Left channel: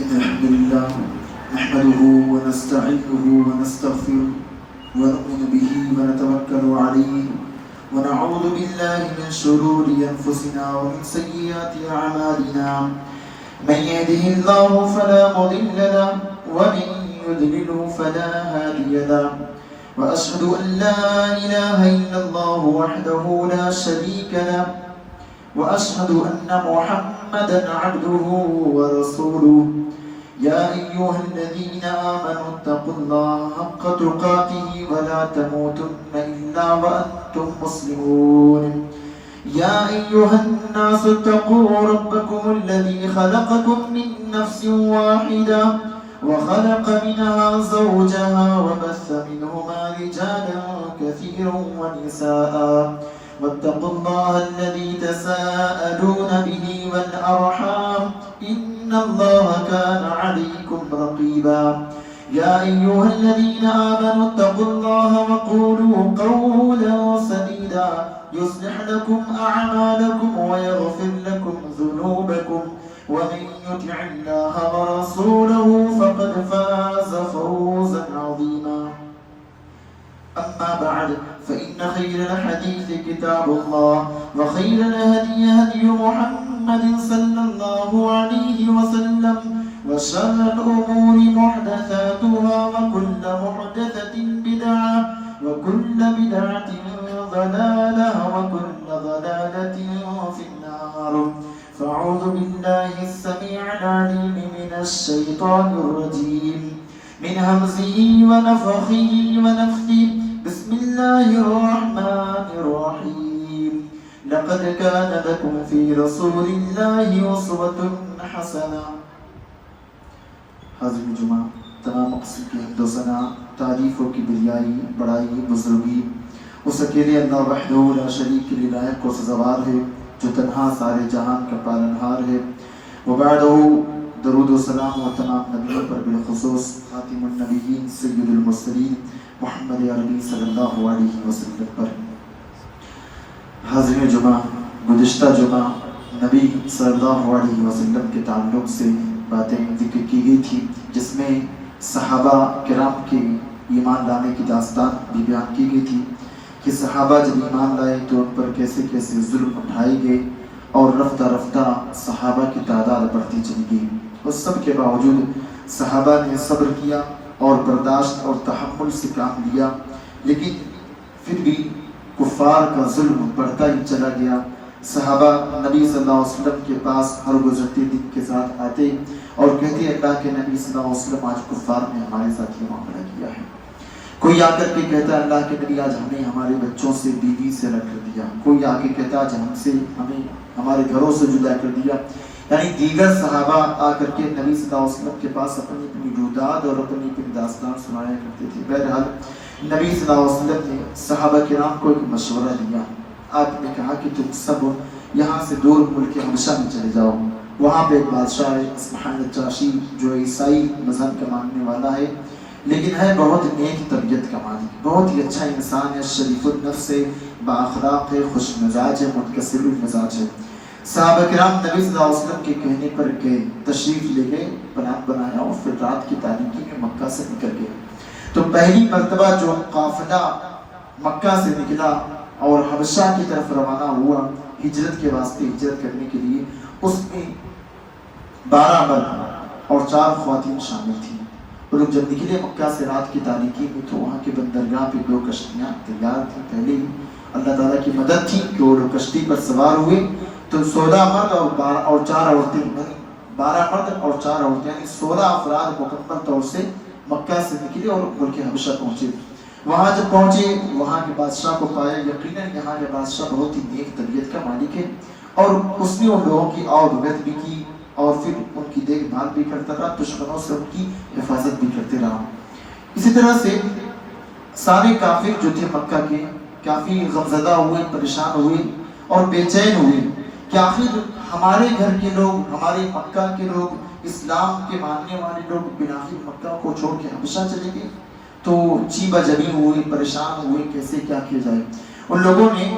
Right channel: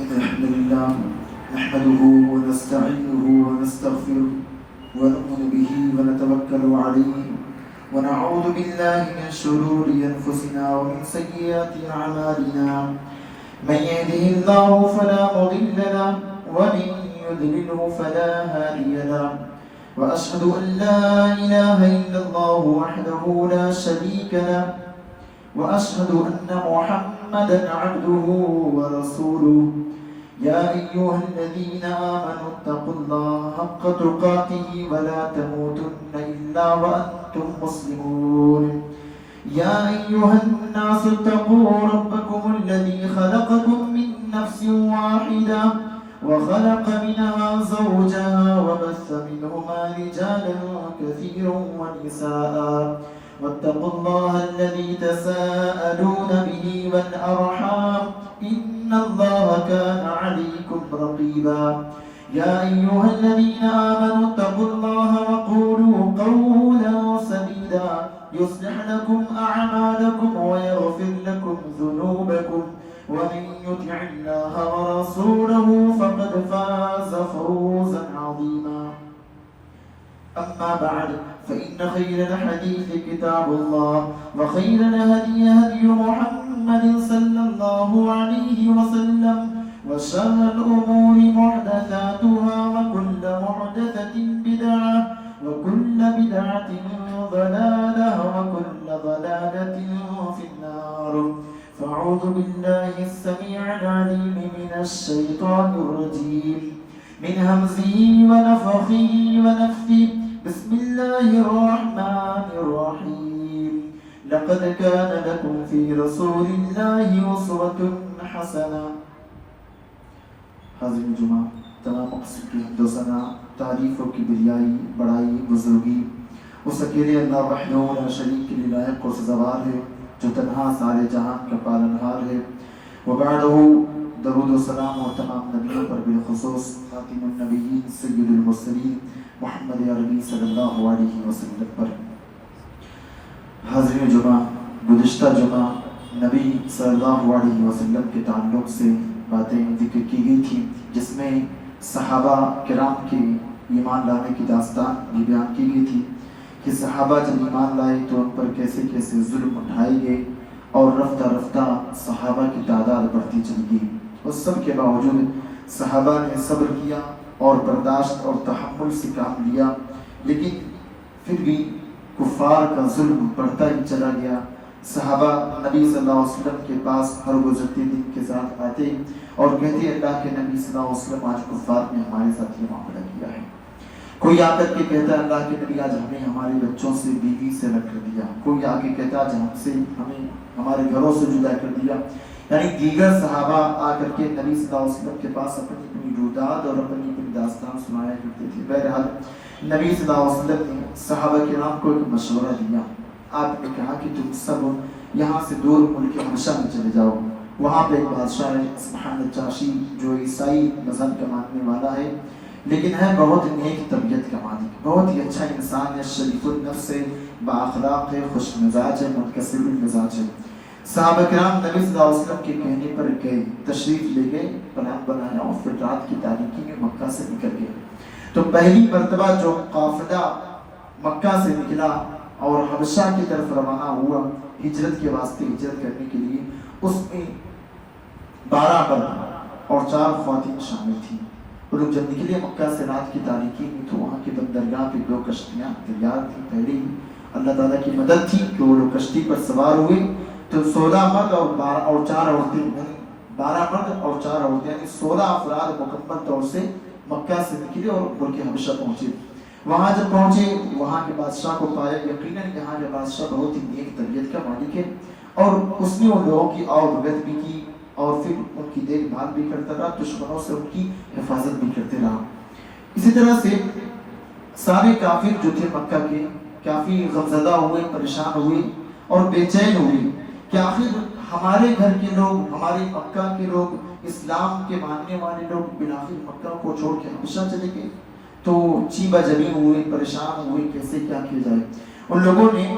إن الحمد لله نحمده ونستعينه ونستغفره ونؤمن به ونتوكل عليه ونعوذ بالله من شرور أنفسنا ومن سيئات أعمالنا من يهده الله فلا مضل له ومن يضلل فلا هادي له وأشهد أن لا إله إلا الله وحده لا شريك له وأشهد أن محمدا عبده ورسوله يا أيها الذين آمنوا اتقوا الله حق تقاته ولا تموتن إلا وأنتم مسلمون يا أيها الناس اتقوا ربكم الذي خلقكم من نفس واحدة وخلق منها زوجها وبث منهما رجالا كثيرا ونساء واتقوا الله الذي تساءلون به والأرحام إن الله كان عليكم رقيبا يا أيها الذين آمنوا اتقوا الله وقولوا قولا سديدا يصلح لكم أعمالكم ويغفر لكم ذنوبكم ومن يطع الله ورسوله فقد فاز فوزا عظيما أما بعد فإن خير الحديث كتاب الله وخير الهدي هدي محمد صلى الله عليه وسلم وشر الأمور محدثاتها وكل محدثة بدعة وكل بدعة ضلالة وكل ضلالة في النار فأعوذ بالله السميع العليم من الشيطان الرجيم من همزه ونفخه ونفثه بسم الله الرحمن الرحيم لقد كان لكم في رسول الله أسوة حسنة حاضرین جمعہ تمام مقصد کی حمد و ثنا تعریف و کبریائی بڑائی بزرگی اس اکیلے اللہ وحدہ لا شریک کے لائق و سزاوار ہے جو تنہا سارے جہان کا پالنہار ہے وبعدہ درود و سلام و تمام نبیوں پر بالخصوص خاتم النبیین سید المرسلین محمد عربی صلی اللہ علیہ وسلم پر. حاضرین جمعہ گزشتہ جمعہ نبی صلی اللہ علیہ وسلم کے تعلق سے باتیں ذکر کی گئی تھی جس میں صحابہ کرام کے ایمان لانے کی داستان بھی بیان کی گئی تھی کہ صحابہ جب ایمان لائے تو ان پر کیسے کیسے ظلم اٹھائے گئے اور رفتہ رفتہ صحابہ کی تعداد بڑھتی چلی گئی. اس سب کے باوجود صحابہ نے صبر کیا اور برداشت اور تحمل سے کام لیا لیکن پھر بھی کفار کا ظلم بڑھتا ہی چلا گیا. صحابہ نبی صلی اللہ علیہ وسلم کے پاس ہر گزرتے دن کے ساتھ آتے اور کہتے اللہ کے نبی صلی اللہ علیہ وسلم آج کفار نے ہمارے ساتھ یہ معاملہ کیا ہے. کوئی آ کر کے کہتا ہے اللہ کے نبی آج ہمیں ہمارے بچوں سے بیوی سے رکھ دیا. کوئی آ کے کہتا ہے آج ہمیں ہمارے گھروں سے جدا کر دیا. یعنی دیگر صحابہ آ کر کے نبی صلی اللہ علیہ وسلم کے پاس اپنی اپنی روداد اور اپنی اپنی داستان سنایا کرتے تھے. بہرحال نبی صلی اللہ علیہ وسلم نے صحابہ کرام کو ایک مشورہ دیا. آپ نے کہا کہ تم سب یہاں سے دور ملک حبشہ میں چلے جاؤ. وہاں پہ ایک بادشاہ ہے اسمحان الجاشی جو عیسائی مذہب کا ماننے والا ہے لیکن ہے بہت نیک طبیعت کا مالک, بہت ہی اچھا انسان ہے, شریف النفس ہے, بااخلاق ہے, خوش مزاج ہے, منکسر المزاج ہے. صحابہ کرام نبی صلی اللہ علیہ وسلم کے کہنے پر گئے, تشریف لے گئے, پلان بنایا اور پھر رات کی تاریکی میں مکہ سے نکل گئے. تو پہلی مرتبہ جو قافلہ مکہ سے نکلا اور حبشہ کی طرف روانہ ہوا ہجرت کے واسطے, ہجرت کرنے کے لیے, اس میں 12 مرد اور 4 خواتین شامل تھیں. وہ لوگ جب نکلے مکہ سے رات کی تاریکی میں تو وہاں کے بندرگاہ پہ 2 کشتیاں تیار تھیں. پہلے ہی اللہ تعالیٰ کی مدد تھی کہ وہ لوگ کشتی پر سوار ہوئے تو 16 مرد اور 4 عورتیں, 12 مرد اور 4 عورتیں یعنی 16 افراد مکمل طور سے مکہ سے نکلے اور ملک حبشہ پہنچے. وہاں جب پہنچے وہاں کے بادشاہ کو پایا. یقیناً یہاں کے بادشاہ بہت ہی نیک طبیعت کا مالک ہے اور اس نے ان لوگوں کی آؤ بھی کی اور پھر ان کی دیکھ بھال بھی کرتا رہا, دشمنوں سے ان کی حفاظت بھی کرتے رہا. اسی طرح سے سارے کافر جو تھے مکہ کے کافی غمزدہ ہوئے, پریشان ہوئے اور بے چین ہوئے کہ آخر ہمارے گھر کے لوگ, ہمارے مکہ کے لوگ, اسلام کے ماننے والے لوگ بناخر مکہ کو چھوڑ کے حبشہ چلے گئے. تو چیبہ جبی ہوئے, پریشان ہوئے کیسے کیا کیا جائے. ان لوگوں نے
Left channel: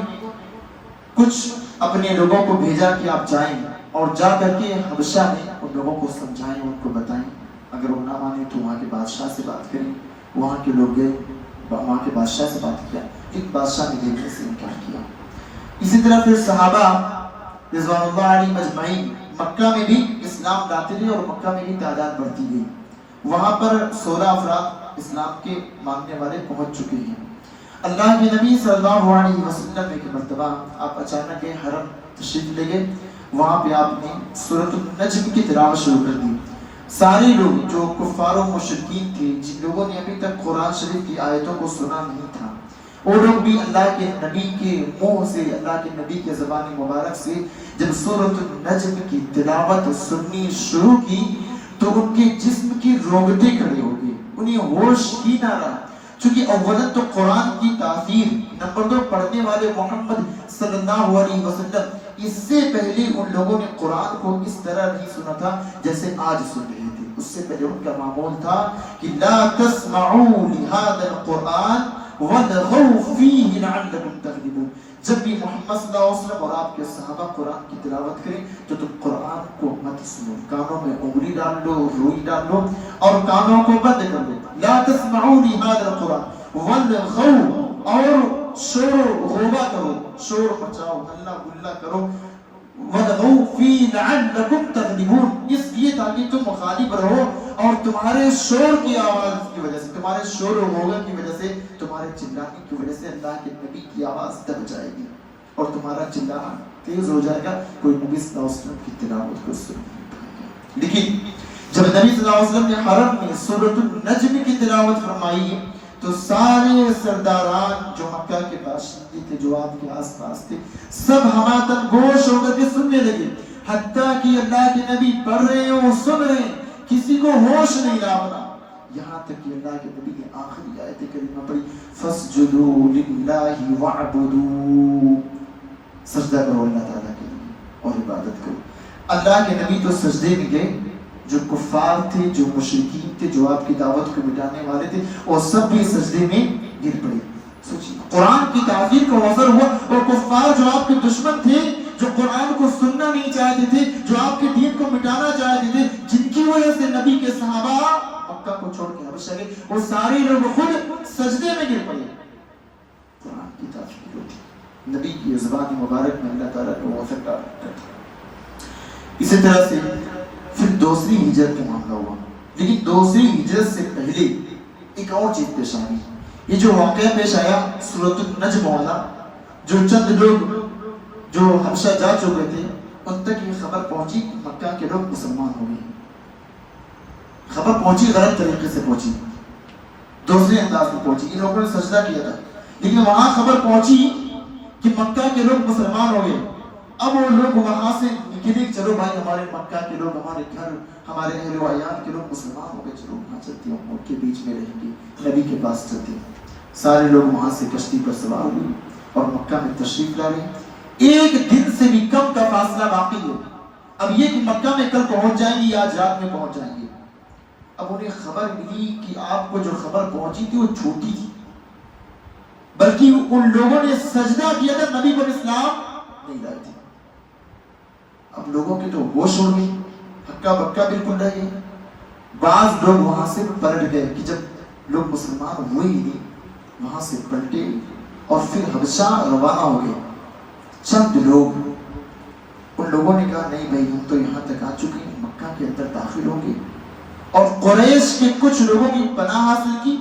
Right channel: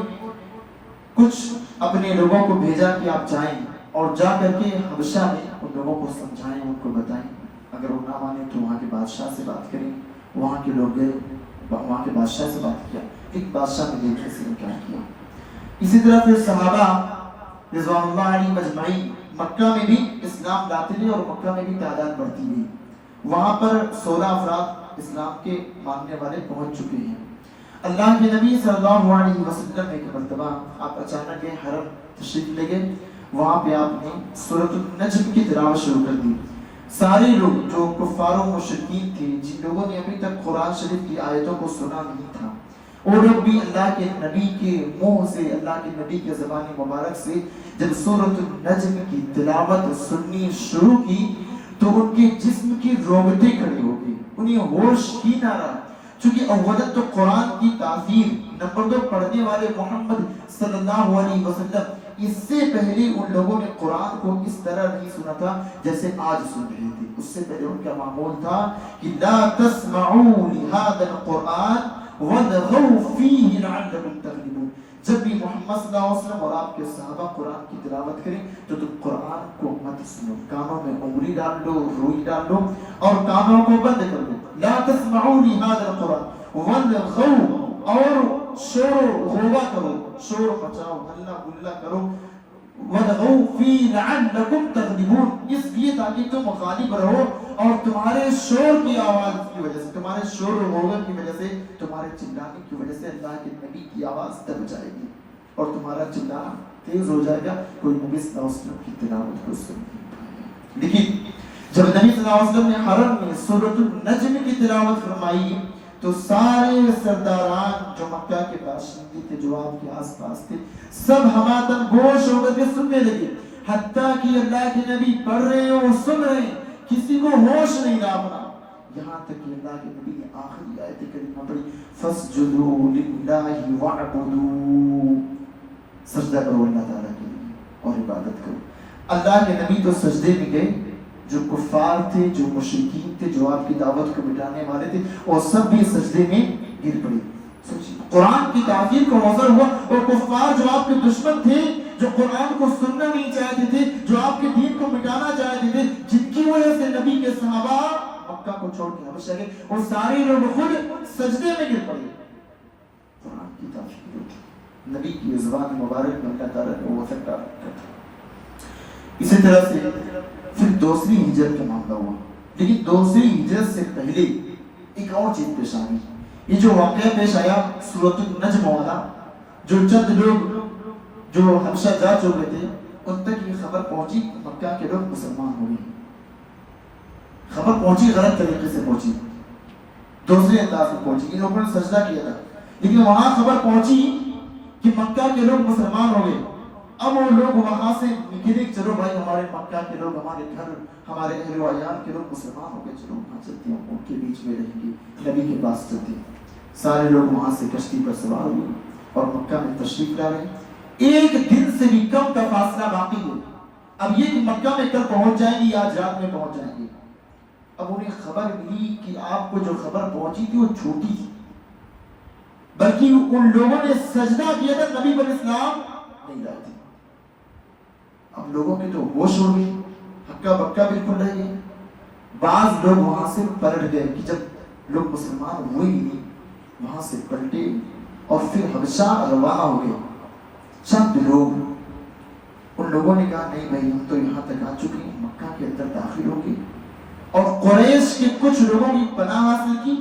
کچھ اپنے لوگوں کو بھیجا کہ آپ جائیں اور جا کر کے حبشہ میں ان لوگوں کو سمجھائیں، ان کو بتائیں، اگر وہ نہ مانے تو وہاں کے بادشاہ سے بات کریں۔ وہاں کے لوگ گئے، وہاں کے بادشاہ سے بات کیا، ایک بادشاہ نے دیکھنے سے انکار کیا۔ اسی طرح پھر صحابہ رضوان اللہ علیہ مجمعین مکہ میں بھی اسلام لاتے گئے اور مکہ میں بھی تعداد بڑھتی گئی۔ وہاں پر 16 افراد اسلام کے ماننے والے پہنچ چکے ہیں۔ اللہ کے نبی صلی اللہ علیہ وسلم ایک مرتبہ آپ اچانک حرم تشریف لے گئے، وہاں پہ آپ نے سورۃ النجم کی تلاوت شروع کر دی۔ سارے لوگ جو کفار و مشرکین تھے، جن لوگوں نے ابھی تک قرآن شریف کی آیتوں کو سنا نہیں تھا، وہ لوگ بھی اللہ کے نبی کے منہ سے، اللہ کے نبی کے زبان مبارک سے جب سورۃ النجم کی تلاوت سننی شروع کی تو ان کے جسم کی رونگٹیں کھڑی ہو گئی، انہیں ہوش ہی نہ رہا۔ چونکہ اولا تو قرآن کی تاثیر، نمبر 2 پڑھنے والے محمد صلی اللہ علیہ وسلم، اس سے پہلے ان لوگوں نے قرآن کو اس طرح نہیں سنا تھا جیسے آج سن رہے تھے۔ اس سے پہلے ان کا معمول تھا کہ لا تسمعوا لهذا القرآن والغوا فيه لعلكم تغلبون۔ جب بھی محمد صلی اللہ علیہ وسلم اور آپ کے صحابہ قرآن کی تلاوت کریں تو تم قرآن کو مت سنو، کانوں میں انگلی ڈال لو، روئی ڈال لو اور کانوں کو بند کر لو۔ لا تسمعوا لهذا القرآن والغوا، اور شور و غوبہ کرو، شور مچاؤ، ہلا گلا کرو، وَلَغَوْا فِي لَعَلَّكُمْ تَغْلِبُونَ، اس لیے تاکہ تم غالب رہو اور تمہارے شور کی آواز کی وجہ سے، تمہارے شور و غوبہ کی وجہ سے، تمہارے چلانے کی وجہ سے اللہ کے نبی کی آواز دب جائے گی اور تمہارا چلانا تیز ہو جائے گا، کوئی نبی صلی اللہ علیہ وسلم کی تلاوت کو سن نہیں پائے گا۔ لیکن جب نبی صلی اللہ علیہ وسلم نے حرم میں سورۃ النجم کی تلاوت فرمائی تو سارے سرداران جو مکہ کے باشندے تھے، جو آپ کے آس پاس تھے، سب ہماتن گوش ہو کر کے سننے لگے، حتیٰ کہ اللہ کے نبی پڑھ رہے ہیں وہ سن رہے ہیں، کسی کو ہوش نہیں رہا، یہاں تک کہ اللہ کے نبی نے آخری آیت کریمہ پڑھی فَاسْجُدُوا لِلَّهِ وَاعْبُدُوا، سجدہ کرو اللہ تعالیٰ کے لیے اور عبادت کرو۔ اللہ کے نبی تو سجدے میں گئے، جو کفار تھے، جو مشرکین تھے، جو آپ کی دعوت کو مٹانے والے تھے، اور سب بھی سجدے میں گر پڑے۔ قرآن کی تاثیر کا اثر ہوا، اور کفار جو آپ کے دشمن تھے، جو قرآن کو سننا نہیں چاہتے تھے، جو آپ کے دین کو مٹانا چاہتے تھے، جن کی وجہ سے نبی کے صحابہ مکہ کو چھوڑ کے حبشہ گئے، وہ سارے لوگ خود سجدے میں گر پڑے۔ قرآن کی تاثیر ہوتی، نبی کی زبان مبارک میں اللہ تعالیٰ نے وہ اثر ڈالا۔ اسی طرح سے پھر دوسری ہجرت کا معاملہ ہوا، لیکن دوسری ہجرت سے پہلے ایک اور چیز پیش آئی۔ یہ جو واقعہ پیش آیا سورۃ النجم والا، جو چند لوگ جو حبشہ جا چکے تھے ان تک یہ خبر پہنچی، مکہ کے لوگ مسلمان ہو گئے۔ خبر پہنچی، غلط طریقے سے پہنچی، دوسرے انداز میں پہنچی، ان لوگوں نے سجدہ کیا تھا، لیکن وہاں خبر پہنچی کہ مکہ کے لوگ مسلمان ہو گئے۔ اب وہ لوگ وہاں سے نکلے کہ چلو بھائی ہمارے مکہ کے لوگ، ہمارے گھر، ہمارے اہل و عیال کے لوگ مسلمان ہو گئے، چلو وہاں چلتے ہیں، ان کے بیچ میں رہیں گے، نبی کے پاس چلتے ہیں۔ سارے لوگ وہاں سے کشتی پر سوار ہوئے اور مکہ میں تشریف لا رہے ہیں۔ ایک دن سے بھی کم کا فاصلہ باقی ہے، اب یہ کہ مکہ میں کل پہنچ جائیں گے یا آج رات میں پہنچ جائیں گے۔ اب انہیں خبر ملی کہ آپ کو جو خبر پہنچی تھی وہ جھوٹی تھی، بلکہ ان لوگوں نے سجدہ کیا تھا، نبی پر اسلام نہیں لائے تھے۔ اب لوگوں کے تو ہوش اڑ گئی، ہکا بکا بالکل رہ گئے۔ بعض لوگ وہاں سے پلٹ گئے کہ جب لوگ مسلمان ہوئے ہی نہیں، وہاں سے پلٹے اور پھر حبشہ روانہ ہو گئے۔ چند لوگ، ان لوگوں نے کہا نہیں بھائی ہم تو یہاں تک آ چکے ہیں، مکہ کے اندر داخل ہو گئے، اور قریش کے کچھ لوگوں کی پناہ حاصل کی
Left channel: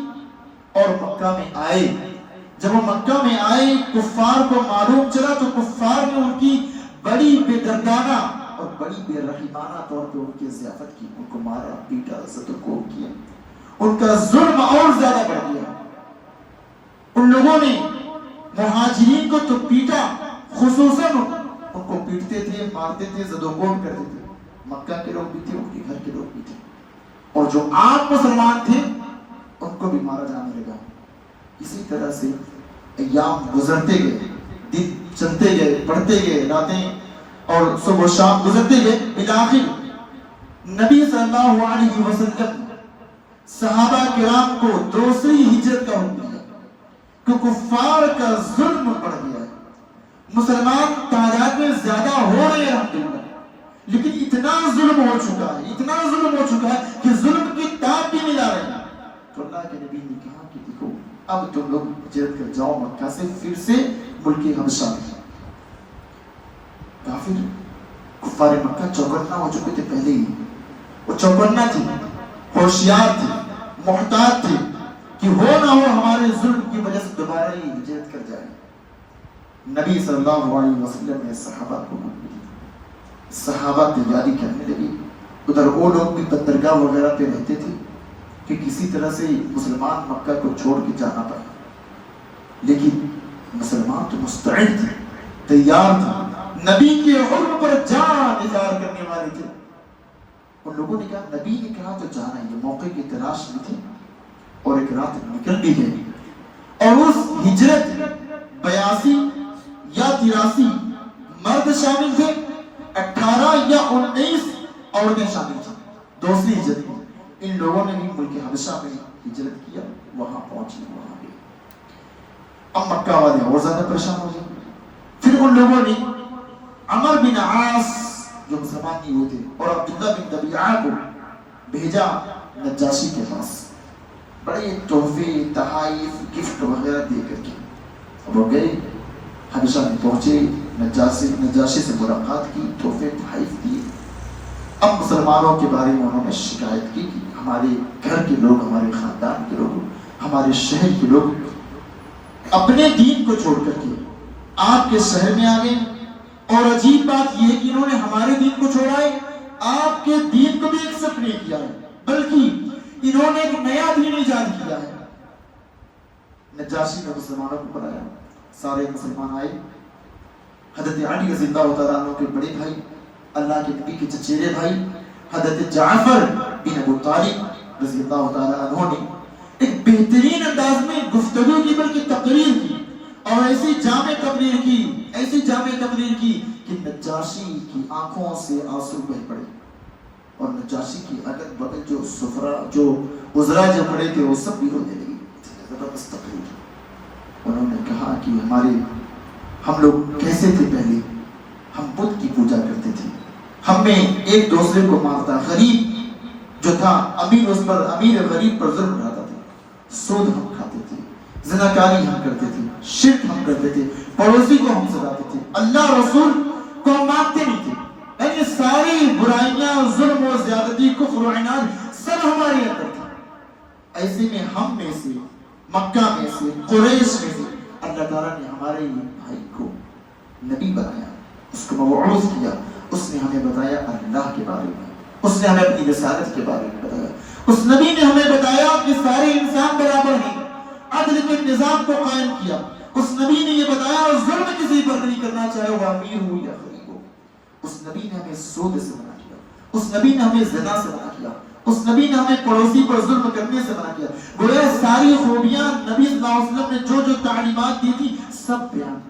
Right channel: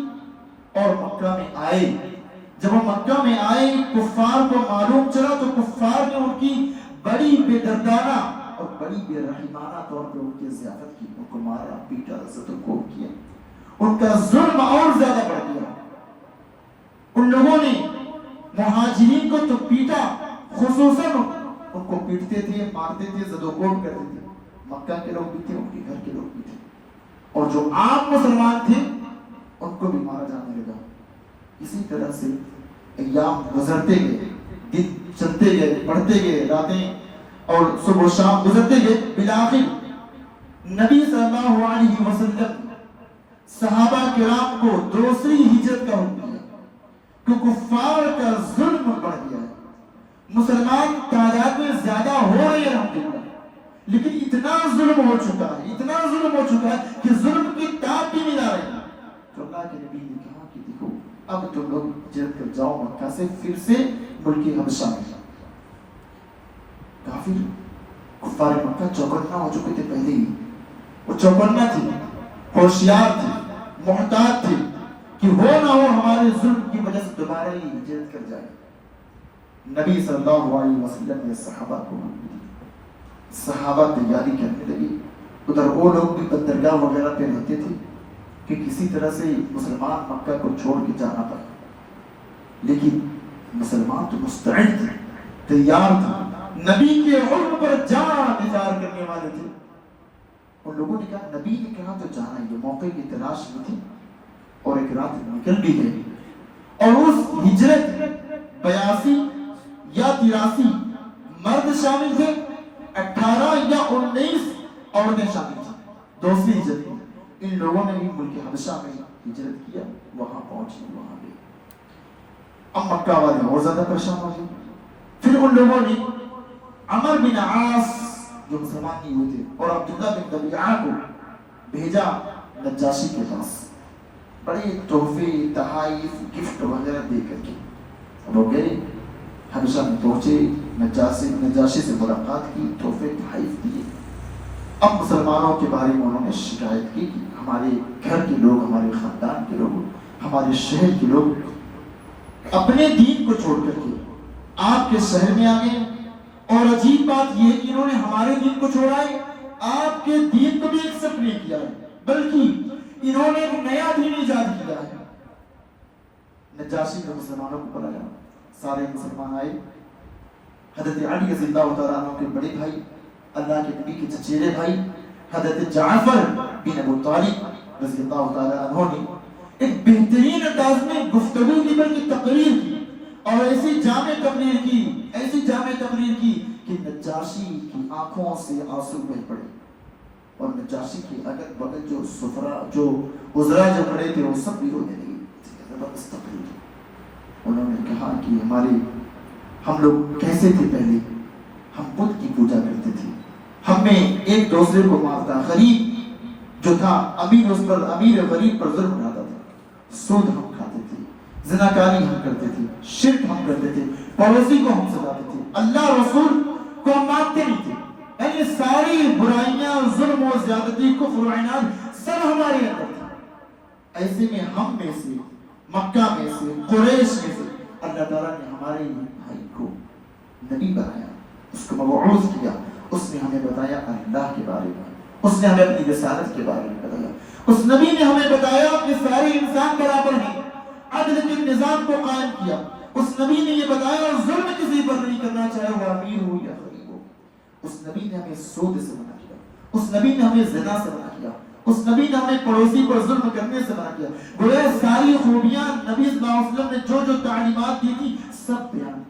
اور مکہ میں آئے۔ جب وہ مکہ میں آئے، کفار کو معلوم چلا تو کفار نے ان کی بڑی بے دردانہ اور بڑی بے رحمانہ طور پہ ان کی ضیافت کی، ان کو مارا، پیٹا، عزت و کوب کیا، ان کا ظلم اور زیادہ بڑھ گیا۔ ان لوگوں نے مہاجرین کو تو پیٹا، خصوصاً ان کو پیٹتے تھے، مارتے تھے، زد و کوب کرتے تھے، مکہ کے لوگ بھی تھے، ان کے گھر کے لوگ بھی تھے، اور جو عام مسلمان تھے ان کو بھی مارا جانے لگا۔ اسی طرح سے ایام گزرتے گئے، دن چلتے گئے، بڑھتے گئے، راتیں اور صبح و شام گزرتے گئے، بالآخر نبی صلی اللہ علیہ وسلم صحابہ کرام کو دوسری ہجرت کا حکم دیا کہ کفار کا ظلم بڑھ گیا ہے، مسلمان تعداد میں زیادہ ہو رہے ہیں الحمدللہ، چکا ہے، اتنا ظلم ہو چکا ہے کہ ظلم کی تاب بھی نہیں لا رہے. تو اللہ کے نبی نے کہا کہ دیکھو اب تم لوگ ہجرت کر جاؤ مکہ سے پھر سے ملک حبشہ میں. کافر کفار مکہ چوکنا ہو چکے تھے پہلے ہی. وہ چوکنا تھے، ہوشیار تھے، محتاط تھے کہ ہو نہ ہو ہمارے ظلم کی وجہ سے دوبارہ ہی ہجرت کر جائے. نبی صلی اللہ علیہ وسلم نے صحابہ کو حکم دیا. صحابہ تیاری کرنے لگے. ادھر وہ لوگ بھی بندرگاہ وغیرہ پہ رہتے تھے کہ کسی طرح سے مسلمان مکہ کو چھوڑ کے جانا پڑا. لیکن مسلمان تو مستعد تھے، تیار تھے، نبی کے حکم پر جان نثار کرنے والے تھے. ان لوگوں نے کہا نبی نے کہا تو جانا ہے. یہ موقع کی تلاش میں تھے اور ایک رات نکل بھی گئی. اور اس ہجرت 82 یا 83 مرد شامل تھے، 18 یا 19 عورتیں شامل تھیں. دوسری ہجرت میں ان لوگوں نے بھی ملک حبشہ میں ہجرت کیا، وہاں پہنچے، وہاں گئے. اب مکہ والے اور زیادہ پریشان ہو گئے. پھر ان لوگوں نے عمر بن عاص جو مسلمان نہیں ہوئے تھے اور عبداللہ بن ربیعہ کو بھیجا نجاشی کے پاس، بڑے تحفے، تحائف، گفٹ وغیرہ دے کر کے. اب وہ گئے حبشہ میں پہنچے، نجاشی سے ملاقات کی، تحفے تحائف دیے. اب مسلمانوں کے بارے میں انہوں نے شکایت کی کہ ہمارے گھر کے لوگ، ہمارے خاندان کے لوگ، ہمارے شہر کے لوگ اپنے دین کو چھوڑ کر کے آپ کے شہر میں آ گئے. اور عجیب بات یہ ہے کہ انہوں نے ہمارے دین کو چھوڑا ہے، آپ کے دین کو بھی ایکسپٹ نہیں کیا ہے، بلکہ انہوں نے ایک نیا دین ایجاد کیا ہے. نجاشی نے مسلمانوں کو بلایا، سارے مسلمان آئے. حضرت علی رضی اللہ تعالیٰ عنہ کے بڑے بھائی، اللہ کے نبی کے چچیرے بھائی حضرت جعفر بن ابو طالب رضی اللہ تعالیٰ عنہ نے ایک بہترین انداز میں گفتگو کی، بلکہ تقریر کی، اور ایسی جامع تقریر کی کہ نجاشی کی آنکھوں سے آنسو بہہ پڑے. اور نجاشی کی اگل بغل جو سفرا، جو وزراء جو کھڑے تھے، وہ سب بھی رونے لگے. زبردست تقریر. انہوں نے کہا کہ ہم لوگ کیسے تھے پہلے، ہم بت کی پوجا کرتے تھے، ہم میں ایک دوسرے کو مارتا، غریب جو تھا امیر غریب پر ظلم ڈھاتا تھا، سود ہم کھاتے تھے، زناکاری ہم کرتے تھے، شرک ہم کرتے تھے، پڑوسی کو ہم سلاتے تھے، اللہ رسول کو ہم مانتے نہیں تھے. یعنی ساری برائیاں، ظلم و زیادتی، کفر و عناد سب ہمارے اندر تھا. ایسے میں ہم میں سے، مکہ میں سے، قریش میں سے اللہ تعالیٰ نے ہمارے بھائی کو نبی بنایا، اس کو مبعوث کیا. اس نے ہمیں بتایا اللہ کے بارے میں، اس نے ہمیں اپنی رسالت کے بارے میں بتایا. اس نبی نے ہمیں بتایا کہ سارے انسان برابر ہیں، عدل کے نظام کو قائم کیا. اس نبی نے یہ بتایا ظلم کسی پر نہیں کرنا، چاہے وہ امیر ہو یا غریب ہو. اس نبی نے ہمیں سود سے منع کیا، اس نبی نے ہمیں زنا سے منع کیا، اس نبی نے ہمیں پڑوسی پر ظلم کرنے سے منع کیا. گویا ساری خوبیاں نبی صلی اللہ علیہ وسلم نے جو تعلیمات دی تھی سب بیان کی.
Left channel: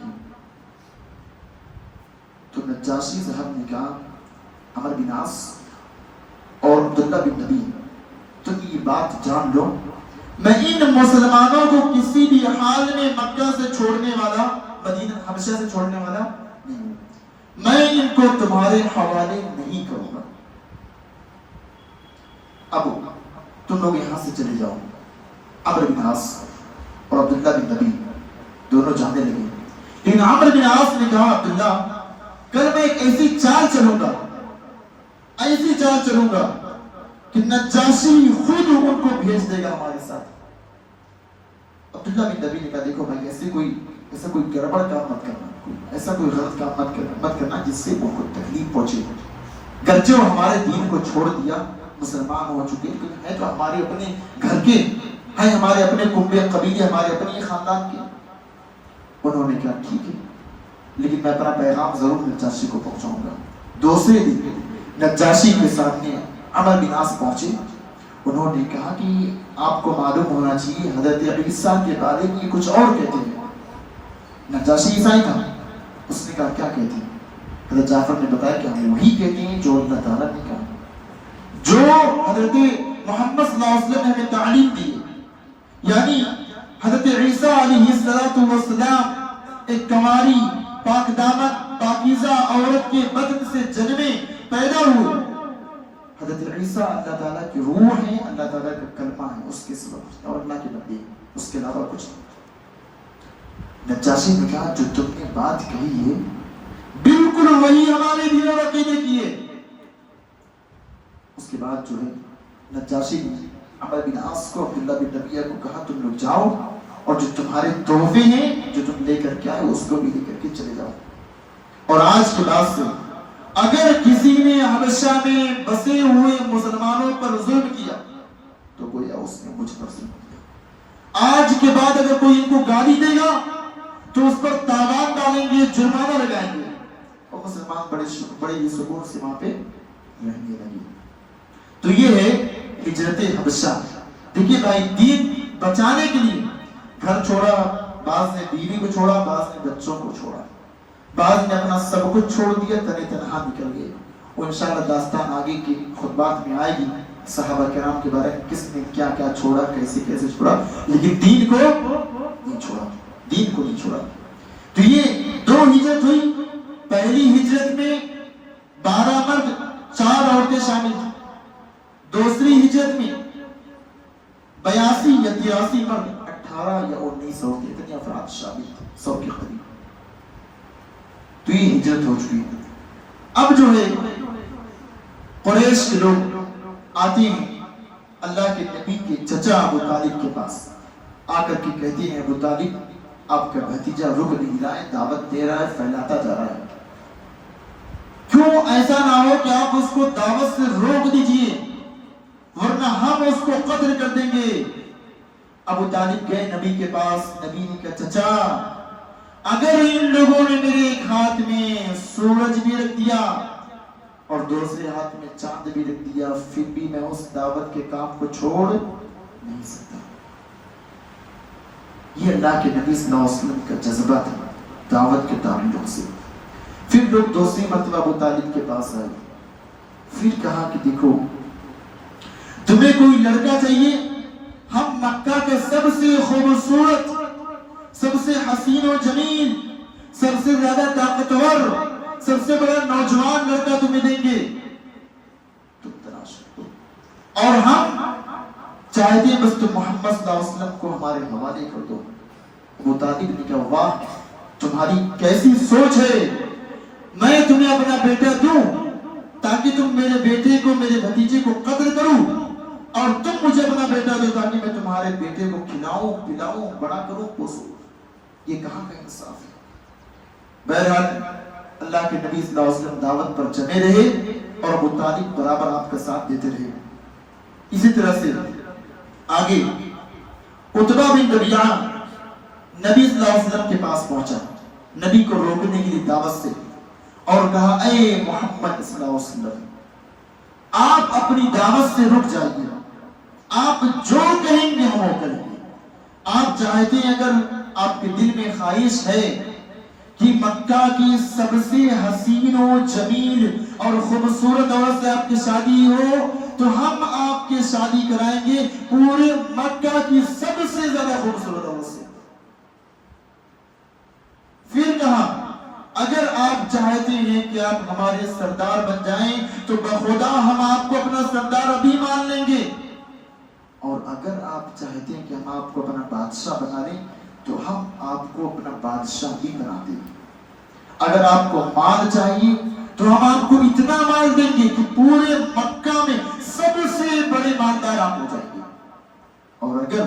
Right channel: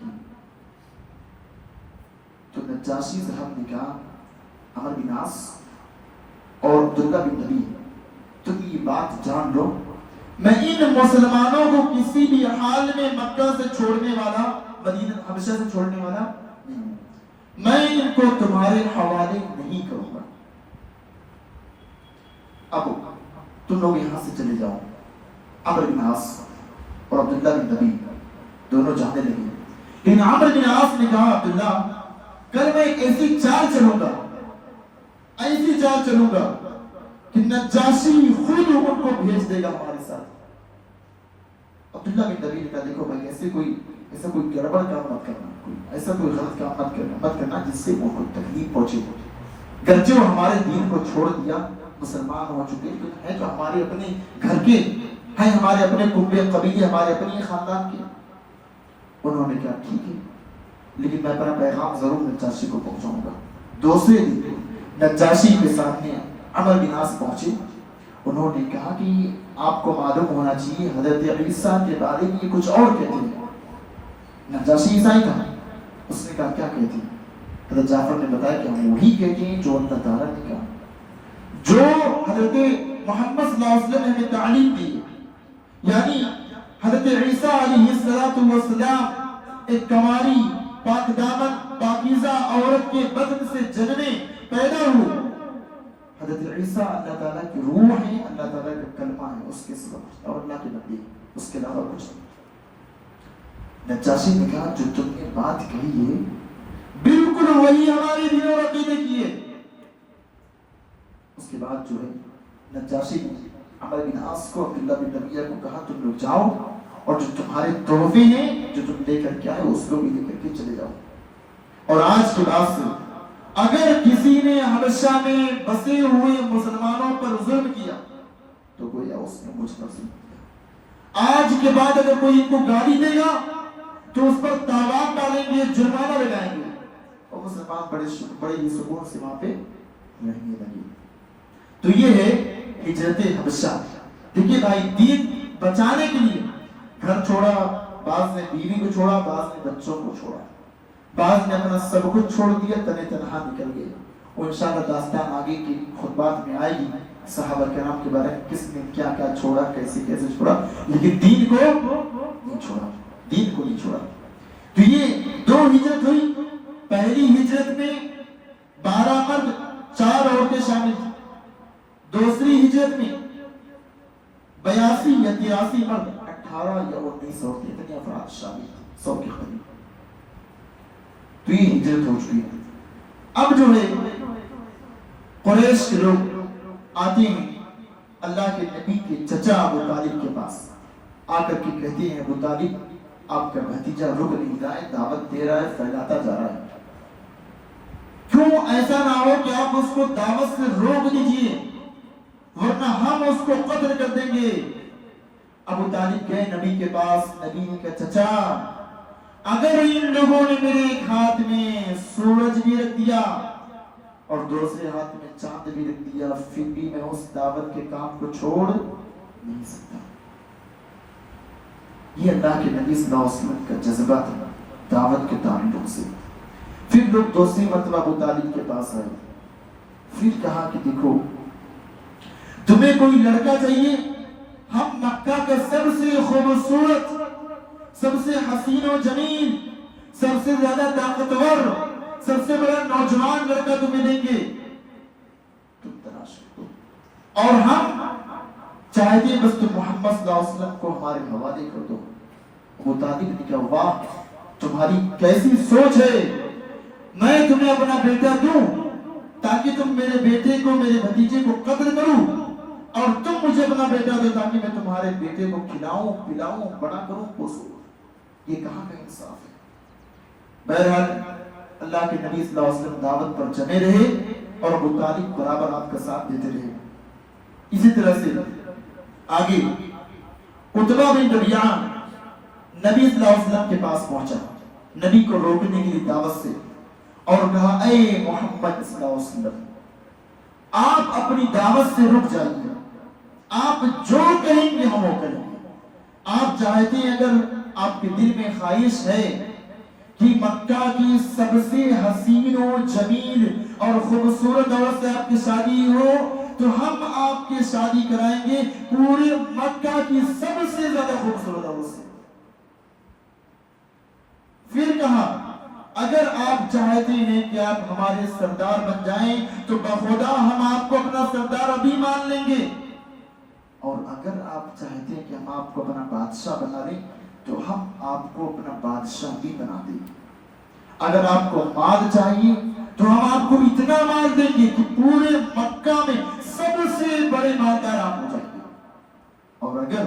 تو نجاشی صاحب نے کہا عمر بن عاص اور عبداللہ بن نبی، تم یہ بات جان لو، میں ان مسلمانوں کو کسی بھی حال میں مکہ سے چھوڑنے والا، مدینہ حبشہ سے چھوڑنے والا نہیں ہوں. میں ان کو تمہارے حوالے نہیں کروں گا. اب تم لوگ یہاں سے چلے جاؤ. عمر بن عاص اور عبداللہ بن نبی دونوں جانے لگے. لیکن عمر بن عاص نے کہا عبداللہ کل میں ایک ایسی چال چلوں گا کہ نجاشی خود ان کو بھیج دے گا ہمارے ساتھ. عبداللہ بن نبی نے کہا دیکھو بھائی ایسا کوئی گڑبڑ کام مت کرنا، ایسا کوئی غلط کام مت کرنا جس سے وہ کوئی تکلیف پہنچے. گرچہ وہ ہمارے دین کو چھوڑ دیا، مسلمان ہو چکے، ہے تو ہمارے اپنے گھر کے ہیں، ہمارے اپنے کنبے قبیلے، ہمارے اپنے خاندان کے. انہوں نے کہا ٹھیک ہے، لیکن میں اپنا پیغام ضرور نجاشی کو پہنچاؤں گا. دوسرے دن نجاشی کے سامنے عمر بن عاص پہنچے. انہوں نے کہا کہ آپ کو معلوم ہونا چاہیے حضرت عیسیٰ کے بارے میں کچھ اور کہتے ہیں. نجاشی عیسائی تھا. اس نے کہا کیا کہتے ہیں؟ حضرت جعفر نے بتایا کہ ہم وہی کہتے ہیں جو اللہ تعالیٰ نے کہا، جو حضرت محمد صلی اللہ علیہ وسلم نے ہمیں تعلیم دی. یعنی حضرت عیسیٰ علیہ السلام ایک کماری، پاک دامن، پاکیزہ عورت کے بدن سے جنمے، پیدا ہوئے. حضرت عیسیٰ اللہ تعالیٰ کی روح ہے، اللہ تعالیٰ کا کلمہ ہے، اس کے سبب اور اللہ کے نبی، اس کے علاوہ کچھ نہیں۔ نجاشی نے کہا جو تم نے بات کہی ہے بالکل وہی ہمارے دین اور عقیدے کی ہے۔ اس کے بعد جو ہے نجاشی نے عمرو بن عاص کو، عبداللہ بن ربیعہ کو کہا تم لوگ جاؤ اور جو تمہارے تحفے ہیں جو تم لے کر کے آئے اس کو بھی لے کر کے چلے جاؤ، اور آج کے بعد سے اگر کسی نے حبشہ میں بسے ہوئے مسلمانوں پر ظلم کیا تو گویا اس نے مجھ پر ظلم کیا۔ آج کے بعد اگر کوئی ان کو گالی دے گا تو اس پر تاوان ڈالیں گے، جرمانہ لگائیں گے، اور مسلمان بڑے ہی سکون سے وہاں پہ رہنے لگے۔ تو یہ ہے ہجرت حبشہ۔ دیکھیے بھائی، دین بچانے کے لیے گھر چھوڑا، بعض نے بیوی کو چھوڑا، بعض نے بچوں کو چھوڑا، بعض نے اپنا سب کچھ چھوڑ دیا، تنے تنہا نکل گئے۔ وہ انشاءاللہ داستان آگے کی خطبات میں آئے گی، صحابہ کرام کے بارے میں کس نے کیا کیا چھوڑا، کیسے کیسے چھوڑا، لیکن دین کو نہیں چھوڑا، دین کو نہیں چھوڑا۔ تو یہ دو ہجرت ہوئی۔ پہلی ہجرت میں 12 مرد 4 عورتیں شامل تھیں، دوسری ہجرت میں 82 یا 83 مرد 18 یا 19 عورتیں، اتنی افراد شامل تھے، 100 کے قریب۔ تو یہ ہجرت ہو چکی ہے۔ اب جو ہے قریش کے لوگ آتے ہیں اللہ کے نبی کے چچا ابو طالب کے پاس، آ کر کے کہتے ہیں ابو طالب آپ کا بھتیجا رک نہیں رہا ہے، دعوت دے رہا ہے، پھیلاتا جا رہا ہے، کیوں ایسا نہ ہو کہ آپ اس کو دعوت سے روک دیجئے ورنہ ہم اس کو قتل کر دیں گے۔ ابو طالب گئے نبی کے پاس، نبی نے کہا چچا اگر ان لوگوں نے میرے ایک ہاتھ میں سورج بھی رکھ دیا اور دوسرے ہاتھ میں چاند بھی رکھ دیا پھر بھی میں اس دعوت کے کام کو چھوڑ نہیں سکتا۔ یہ اللہ کے نبی صلی اللہ علیہ وسلم کا جذبہ تھا دعوت کے تعلق سے۔ پھر لوگ دوسری مرتبہ ابو طالب کے پاس آئے، پھر کہا کہ دیکھو تمہیں کوئی لڑکا چاہیے، ہم مکہ کا سب سے خوبصورت، سب سے حسین و جمیل، سب سے زیادہ طاقتور، سب سے بڑا نوجوان لڑکا تمہیں دیں گے، تم تلاش کرو، اور ہم چاہتے ہیں بس تم محمد صلی اللہ علیہ وسلم کو ہمارے حوالے کر دو۔ ابو طالب نے کہا واہ تمہاری کیسی سوچ ہے، میں تمہیں اپنا بیٹا دوں تاکہ تم میرے بیٹے کو، میرے بھتیجے کو قتل کروں، اور تم مجھے اپنا بیٹا دو تاکہ میں تمہارے بیٹے کو کھلاؤں پلاؤں بڑا کروں پوسوں۔ یہ کہاں کا انصاف ہے؟ بہرحال اللہ کے نبی صلی اللہ علیہ وسلم دعوت پر جمے رہے اور ابو طالب برابر آپ کا ساتھ دیتے رہے۔ اسی طرح سے آگے عتبہ بن ربیعہ نبی صلی اللہ علیہ وسلم کے پاس پہنچا، نبی کو روکنے کے لیے دعوت سے، اور کہا اے محمد صلی اللہ علیہ وسلم آپ اپنی دعوت سے رک جائیے، آپ جو کہیں گے ہم وہ کریں گے۔ آپ چاہتے ہیں، اگر آپ کے دل میں خواہش ہے کہ مکہ کی سب سے حسین و جمیل اور خوبصورت عورت سے آپ کی شادی ہو تو ہم آپ کی شادی کرائیں گے پورے مکہ کی سب سے زیادہ خوبصورت عورت سے۔ پھر کہا اگر آپ چاہتے ہیں کہ آپ ہمارے سردار بن جائیں تو بخدا ہم آپ کو اپنا سردار ابھی مان لیں گے، اور اگر آپ چاہتے ہیں کہ ہم آپ کو اپنا بادشاہ بنا دیں تو ہم آپ کو اپنا بادشاہ بھی بنا دیں گے۔ اگر آپ کو مال چاہیے تو ہم آپ کو اتنا مال دیں گے کہ پورے مکہ میں سب سے بڑے مالدار آپ ہو جائیں گے، اور اگر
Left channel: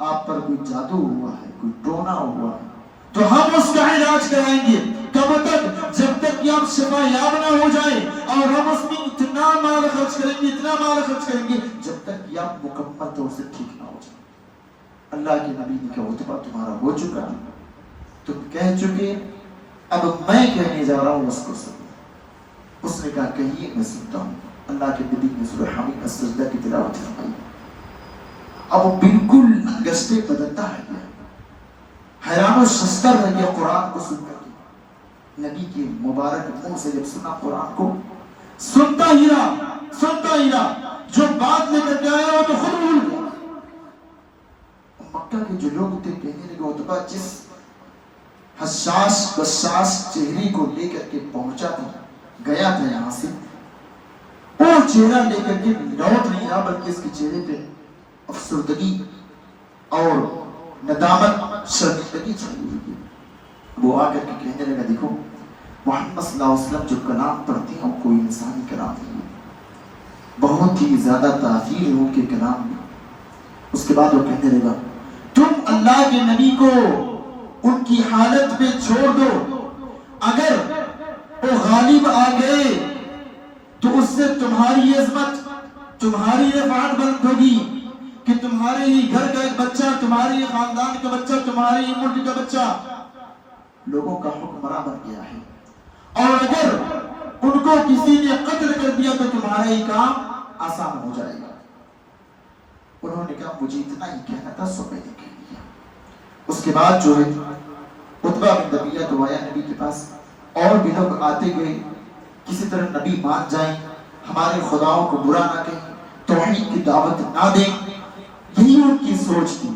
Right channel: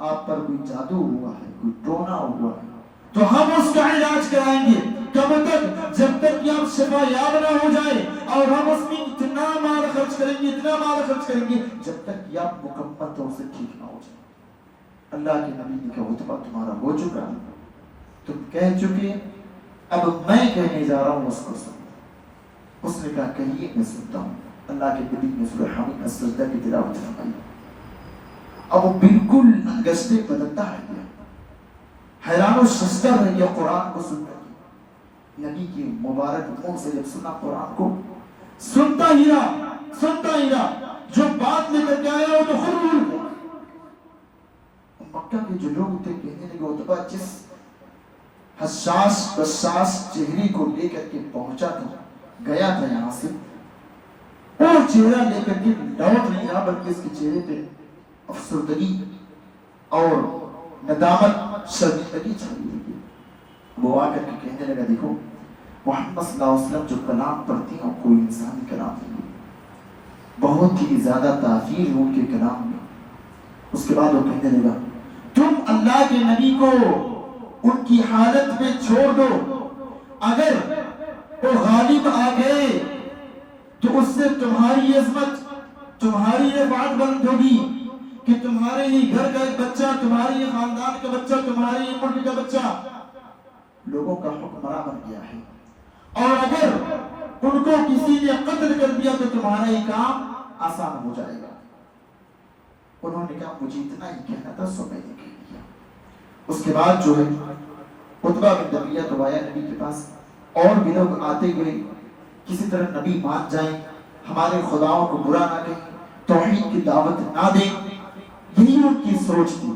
آپ پر کوئی جادو ہوا ہے، کوئی ٹونا ہوا ہے تو ہم اس کا علاج کرائیں گے۔ کب تک؟ جب تک کہ آپ شفا یاب نہ ہو جائے، اور ہم اس میں اتنا مال خرچ کریں گے، اتنا مال خرچ کریں گے جب تک کہ آپ مکمل طور سے ٹھیک نہ ہو جائے۔ اللہ کے نبی نے کہا عتبہ تمہارا ہو چکا، تم کہہ چکے، اب میں کہنے جا رہا ہوں اس کو سنو۔ اس نے کہا کہیے میں سنتا ہوں۔ اللہ کے نبی نے سورہ حمید السجدہ کی تلاوت فرمائی۔ اب وہ بالکل گشتے بدلتا ہے، حیران و ششدر رہ گیا قرآن کو سن کر کے۔ نبی کے مبارک منہ سے جب سنا قرآن کو، سنتا ہی رہا، جو بات لے کر کے آیا وہ تو خود بھول گیا۔ مکہ کے جو لوگ تھے کہنے لگے عتبہ جس حساس بساس چہرے کو لے کر کے پہنچا تھا، گیا تھا یہاں سے، وہ چہرہ لے کر کے لوٹ نہیں رہا، بلکہ اس کے چہرے پہ افسردگی اور ندامت، شرمندگی چھائی ہوئی ہے۔ وہ آ کر کے کہنے لگا دیکھو محمد صلی اللہ علیہ وسلم جو کلام پڑھتے ہیں کوئی انسانی کلام نہیں ہے، بہت ہی زیادہ تاثیر ہے ان کے کلام میں۔ اس کے بعد وہ کہنے لگا تم اللہ کے نبی کو ان کی حالت میں چھوڑ دو، اگر وہ غالب آ گئے تو اس سے تمہاری عظمت، تمہاری رفعت بلند ہوگی کہ تمہارے ہی گھر کا ایک بچہ، تمہارے ہی خاندان کا بچہ، تمہارے ہی ملک کا بچہ لوگوں کا حکمراں بن گیا ہے، اور اگر ان کو کسی نے قتل کر دیا تو تمہارا ہی کام آسان ہو جائے گا۔ انہوں نے کہا مجھے اتنا ہی کہنا تھا سو میں نے کہہ دیا۔ اس کے بعد جو ہے عتبہ بن ربیعہ تو آیا نبی کے پاس، اور بھی لوگ آتے گئے، کسی طرح نبی مان جائیں، ہمارے خداؤں کو برا نہ کہیں، توحید کی دعوت نہ دیں، یہی ان کی سوچ تھی۔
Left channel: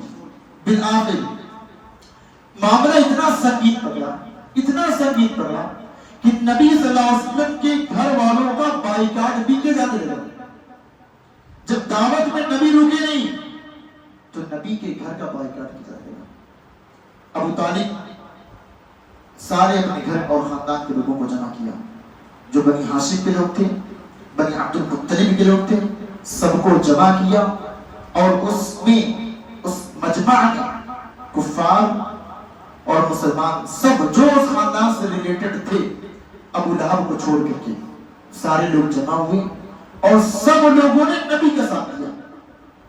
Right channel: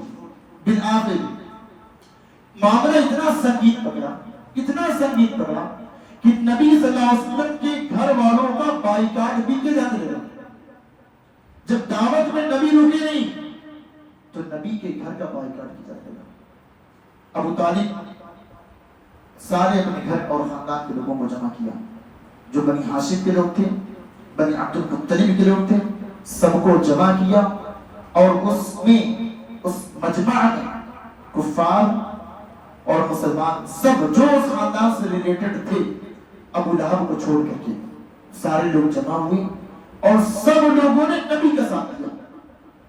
بالآخر معاملہ اتنا سنگین پکڑا، اتنا سنگین پکڑا کہ نبی صلی اللہ علیہ وسلم کے گھر والوں کا بائیکاٹ بھی کیا جانے لگا۔ جب دعوت میں نبی رکے نہیں تو نبی کے گھر کا بائیکاٹ کیا جانے لگا۔ ابو طالب سارے اپنے گھر اور خاندان کے لوگوں کو جمع کیا، جو بنی ہاشم کے لوگ تھے، بنی عبد المطلب کے لوگ تھے، سب کو جمع کیا، اور اس میں اس مجمع میں کفار اور مسلمان سب جو اس خاندان سے ریلیٹڈ تھے ابو لہب کو چھوڑ کر کے سارے لوگ جمع ہوئے، اور سب لوگوں نے نبی کا ساتھ دیا۔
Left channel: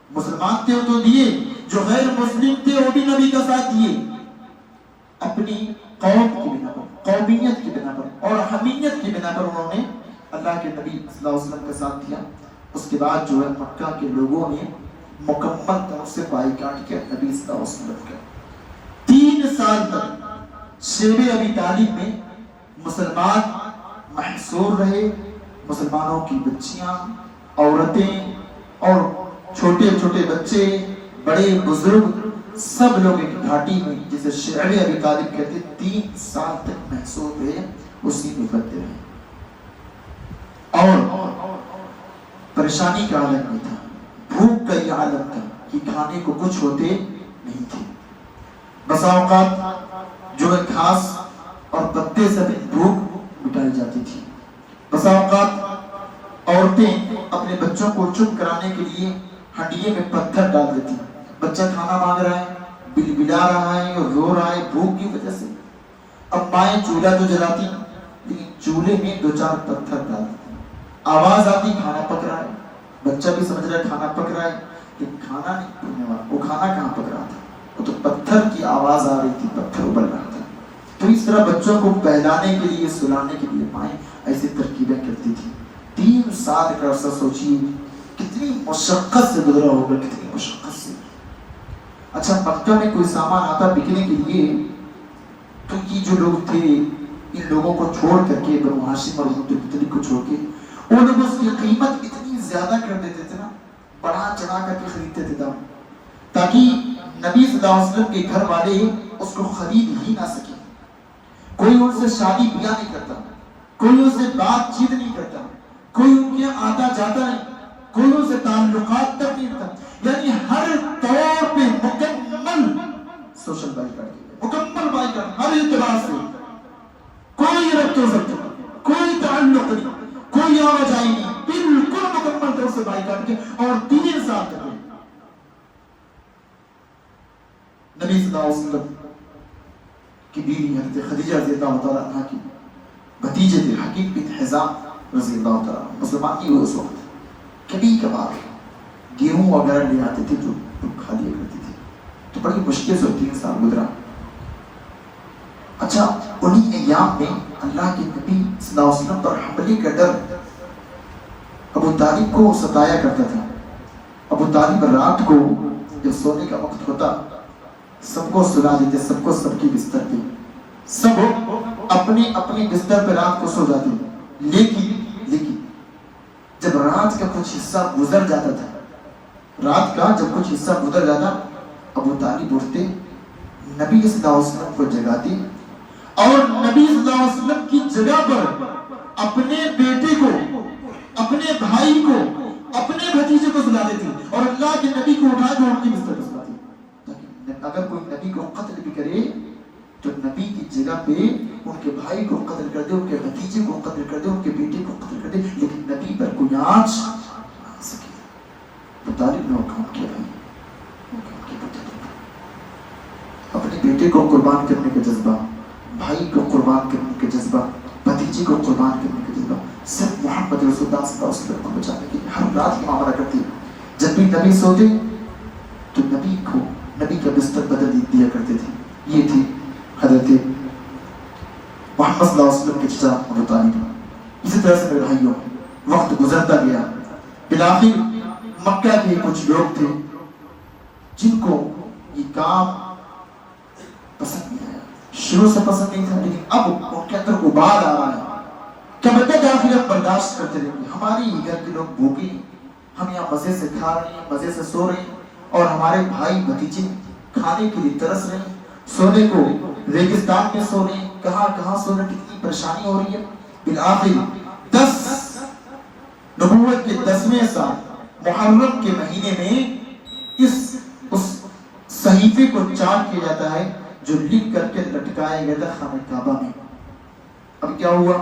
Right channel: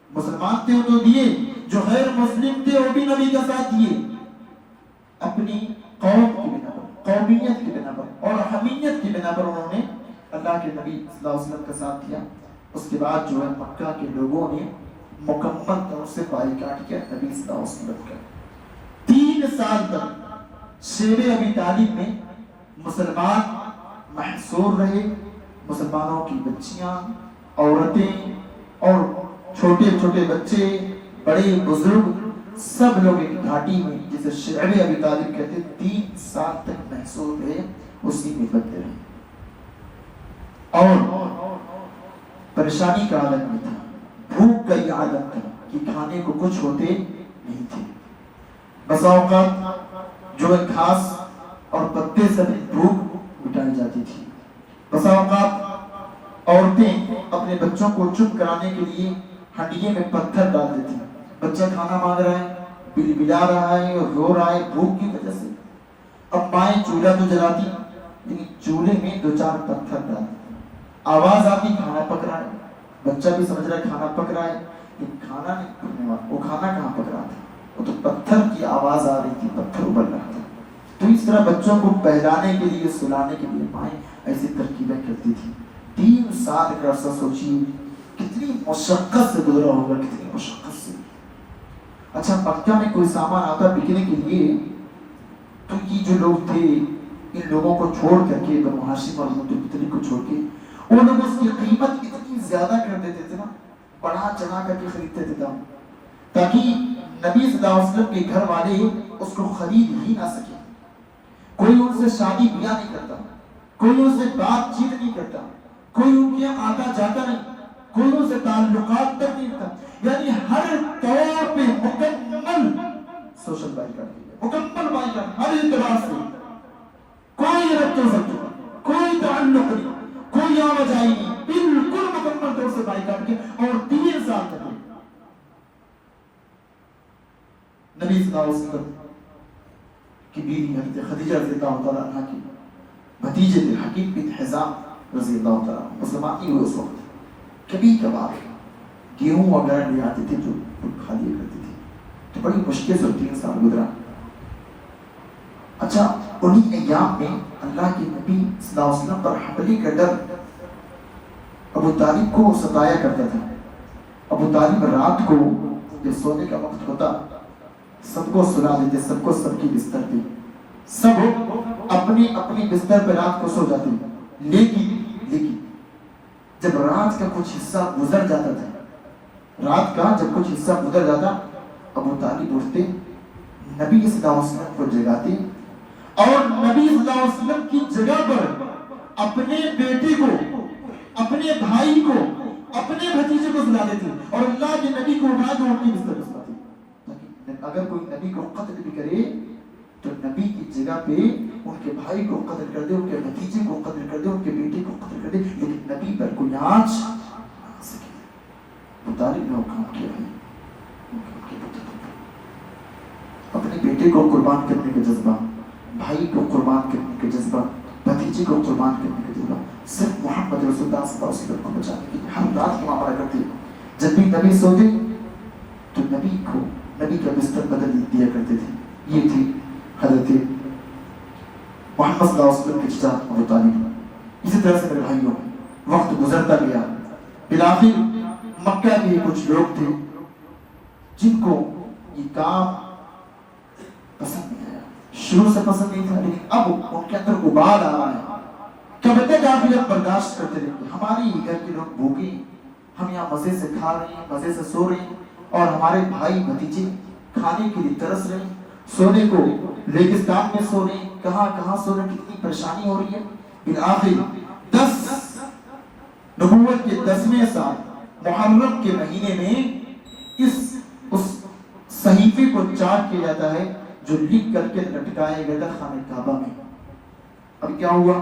مسلمان تھے تو دیے، جو غیر مسلم تھے وہ بھی نبی کا ساتھ دیے، اپنی قوم کی بنا پر، قومیت کی بنا پر اور حمیت کی بنا پر انہوں نے اللہ کے نبی صلی اللہ علیہ وسلم کا ساتھ دیا۔ اس کے بعد جو ہے مکہ کے لوگوں نے مکمل طور سے بائیکاٹ کیا نبی صلی اللہ علیہ وسلم کا۔ 3 سال تک شیب ابی طالب میں مسلمان محصور رہے، مسلمانوں کی بچیاں، عورتیں اور چھوٹے چھوٹے بچے، بڑے بزرگ، سب لوگ ایک گھاٹی میں جسے شیب ابی طالب کہتے 3 سال تک محصور رہے، اسی میں کرتے رہے، اور پریشانی کا عالم میں تھا، بھوک کا یہ عالم تھا کہ کھانے کو کچھ ہوتے نہیں تھے۔ بسا اوقات جو ہے گھاس اور پتے سے بھی بھوک مٹائی جاتی تھی۔ بسا اوقات عورتیں اپنے بچوں کو چپ کرانے کے لیے ہنڈیے میں پتھر ڈال دیتی، بچہ کھانا مانگ رہا ہے، بلبلا رہا ہے اور رو رہا ہے بھوک کی وجہ سے۔ اب مائیں چولہا تو جلاتی لیکن چولہے میں 2-4 پتھر ڈال دیتی، آواز آتی کھانا پک رہا ہے، بچہ بھی سمجھ رہا ہے کھانا پک رہا ہے، لیکن کھانا نہیں پکنے والا، وہ کھانا کہاں پک رہا تھا، وہ تو پتھر کی آواز آ رہی تھی، پتھر ابل رہا تھا۔ تو اس طرح بچوں کو بہلانے کے لیے، سلانے کے لیے مائیں ایسی ترکیبیں کرتی تھی۔ 3 سال کا عرصہ سوچیے کتنی مشقت سے گزرا ہوگا، کتنی مشقت سے۔ اچھا مکہ میں کوئی سامان آتا بکنے کے لیے تو یہ جو لوگ تھے ان لوگوں کو چھوڑ کر کے، بنو ہاشم اور عبد المطلب کو چھوڑ کے، وہ لوگ اس کی قیمت اتنی زیادہ کر دیتے تھے نا، بڑھا چڑھا کر کے خریدتے تھے دام، تاکہ نبی صلی اللہ علیہ وسلم کے گھر والے اس کو خرید ہی نہ سکے۔ کوئی ان سے شادی بیاہ نہیں کرتا، کوئی ان سے بات چیت نہیں کرتا، کوئی ان کے آتا جاتا نہیں، کوئی ان سے تعلقات تک نہیں کرتا، یعنی ہر طور پہ مکمل سوشل بائیکاٹ، مکمل بائیکاٹ، ہر اعتبار سے کوئی ربط و ضبط، کوئی تعلق نہیں، کوئی آواجائی نہیں، بالکل مکمل طور سے بائیکاٹ کے، اور 3 سال تک نبی صلی اللہ علیہ وسلم کی بیوی حضرت خدیجہ رضی اللہ تعالیٰ عنہ کی بھتیجے تھے حکیم بن حزام رضی اللہ تعالیٰ عنہ، مسلمان نہیں ہوئے اس وقت، کبھی کبھار گیہوں وغیرہ لے آتے تھے جو کھا لیا کرتے تھے، تو بڑی مشکل سے 3 سال گزرا۔ اچھا انہی ایام میں اللہ کے نبی صلی اللہ علیہ وسلم پر حملے کا ڈر ابو طالب کو ستایا کرتا تھا۔ ابو طالب رات کو جب سونے کا وقت ہوتا سب کو سلا دیتے، سب کو سب کی بستر پہ، سب اپنی اپنی بستر پہ رات کو سو جاتے، لیکن جب رات کا کچھ حصہ گزر جاتا تھا، رات کا جب کچھ حصہ گزر جاتا، ابو طالب اٹھتے، نبی صلی اللہ علیہ وسلم کو جگاتے، اور نبی صلی اللہ علیہ وسلم کی جگہ پر اپنے بیٹے کو، اپنے بھائی کو اپنے بھتیجے کو سلاتے تھے اور اللہ کے نبی کو اٹھا کے ان کے بستر پر سلاتے تھے. اگر کوئی نبی کو قتل بھی کرے تو نبی کی جگہ پہ ان کے بھائی کو قتل کر دے, ان کے بھتیجے کو قتل کر دے, ان کے بیٹے کو قتل کر دے, لیکن نبی پر کوئی آنچ نہ سکے. ابو طالب نے حکم کیا اپنے بیٹے کو قربان کرنے کا جذبہ, بھائی کو قربان کرنے کا جذبہ, بھتیجے کو قربان کرنے کا جذبہ صرف محمد رسول اللہ صلی اللہ علیہ وسلم کو بچانے کے لیے ہر رات کی معاملہ کرتی ہے. جب بھی نبی سوتے تو نبی کا بستر بدل دیا کرتے تھے. یہ تھی حضرت محمد صلی اللہ علیہ وسلم کے چچا ابو طالب. اسی طرح سے میرے بھائیوں وقت گزرتا گیا. بالآخر مکہ کے کچھ لوگ تھے جن کو یہ کام پسند نہیں آیا. شروع سے پسند نہیں تھا, لیکن اب ان کے اندر ابال آ رہا ہے. کب تک آخر ہم برداشت کرتے رہیں گے؟ ہمارے ہی گھر کے لوگ بھوکے, ہم یہاں مزے سے کھا رہے ہیں, مزے سے سو رہے ہیں, اور ہمارے بھائی بھتیجے کھانے کے لیے ترس رہے ہیں, سونے کو ریگستان میں سو رہے ہیں, کہاں سو رہے ہیں, کتنی پریشانی ہو رہی ہے. بالآخر نبوت کے 10ویں سال محرم کے مہینے میں اس صحیفے کو چاک کیا جاتا ہے جو لکھ کر کے لٹکایا گیا تھا خانہ کعبہ میں. اب کیا ہوا؟